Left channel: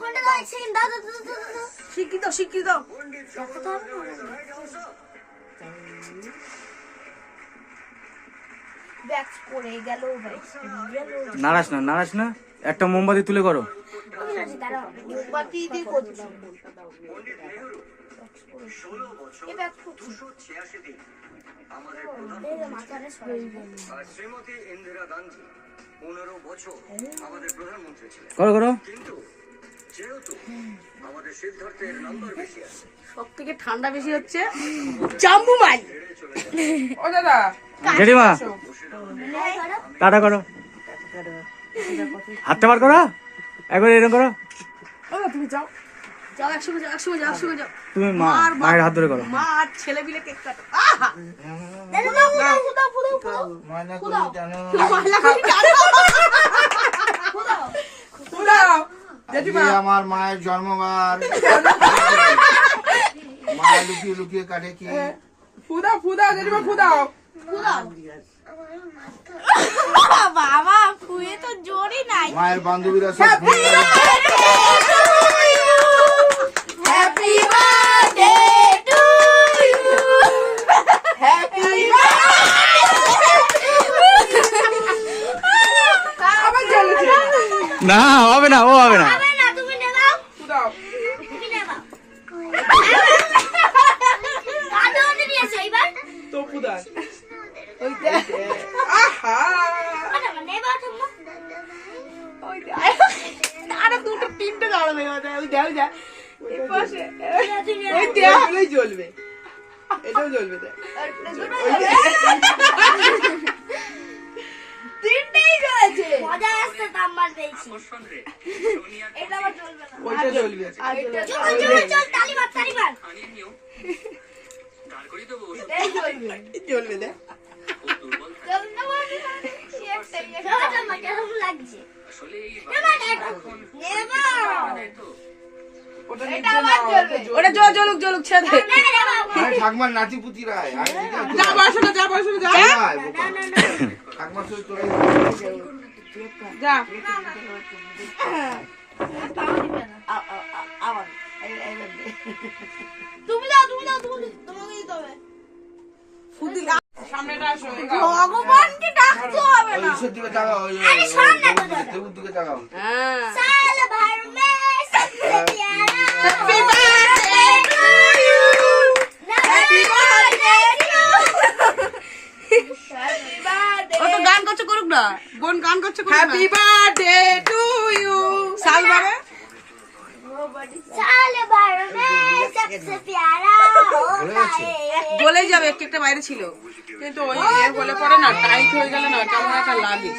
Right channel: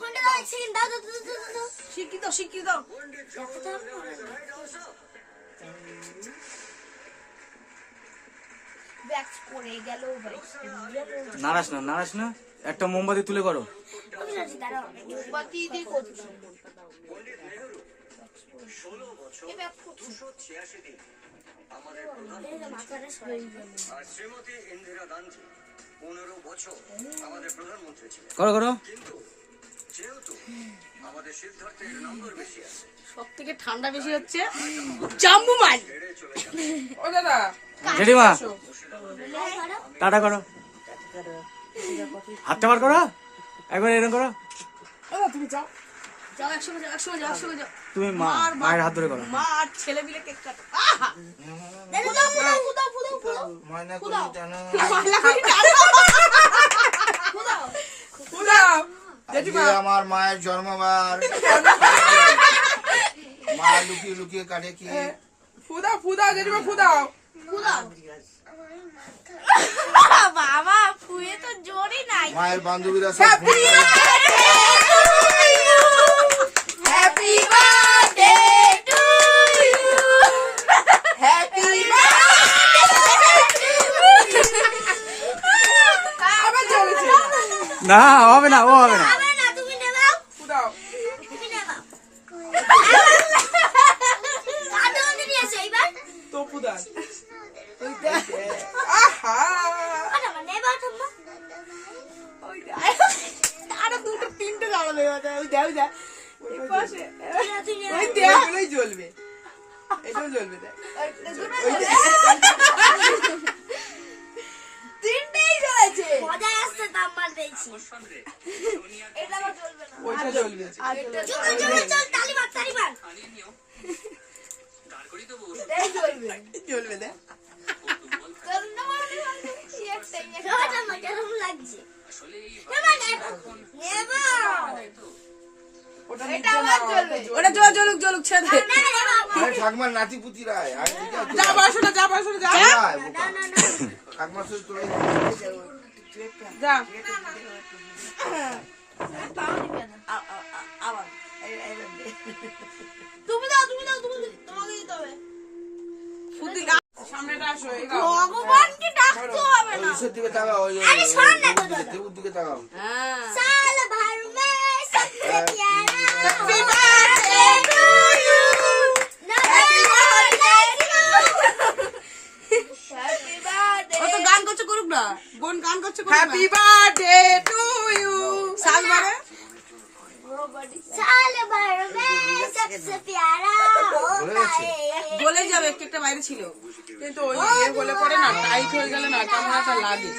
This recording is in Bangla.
ফোনটা দাও এক সেকেন্ড দাও দাও দাও দাও দাও স্বীকৃত স্বীকৃত রক্ত তো আর ব্যাক করে গেল। ব্যাক গেল নাড়াস না নাড়াস না। একটা মোমবাতি তুলে করো। দিয়ে করছি। করো করো। সব থেকে ঠান্ডা বেশি হচ্ছে জাম্বু মাল ও দাদা জেঠিমা টাটা করো হাতটা বার করো একবার এরকম করো তুমি যাও যাও একসঙ্গে যাও একসঙ্গে যাও একসঙ্গে যাও তুমি মা। মায়ের হাত ধরে করো মা আর ছেলে মিলে কেক কাটো আহা ময়না জানো মালা করে টানো। ফুলাও জেঠিমা আজকে আমার মায়ের জন্মবার মা লুকিয়ে লুকিয়ে কাটে কি ফুদাও ফুদাও জেঠিমা ফুদাও বাবা ফুয়ে তো জোরই নাই মায়ের বান্ধবীরা সব happy birthday to you happy না হবে না ও হবে না আরও দুটো তিনটে দাঁড়ালে ওই দেখ ওই দেখ তুই ওই দেখ এগুলোই জ্বলবে এটাও জ্বলবে দেখ তাম্বার এটা আবার চলবে না। ওইটা জ্বলবে। চল চল চল তালি মার তালি মার এই জ্বলবে জ্বলবে দেখ চল না মার চল কেমন লাগছে নেবা নেবা নেবা ওটা এটা আবার জ্বলবে। ওটা জ্বলুক জ্বলুক ছেড়ে দে। ঠাকমার নাতি যা যা যা ঠাকমার যা তুমি তুমি তুমি তোমাকে দিতে হবে সামনেটা আসো ভগবানকে ডাকতে হবে না আরে শোন তো দাদা। দিকে তাকাও হ্যাঁ তোমরা বোন গান করছ হ্যাপি বার্থডে টু ইউ সাল বাবা গলে যাবে একটু একটা বাইরে ছিল। কিন্তু ওই গলে ইয়ে পরে না টাইট হয়ে গেল না কেমন একটা লাগে।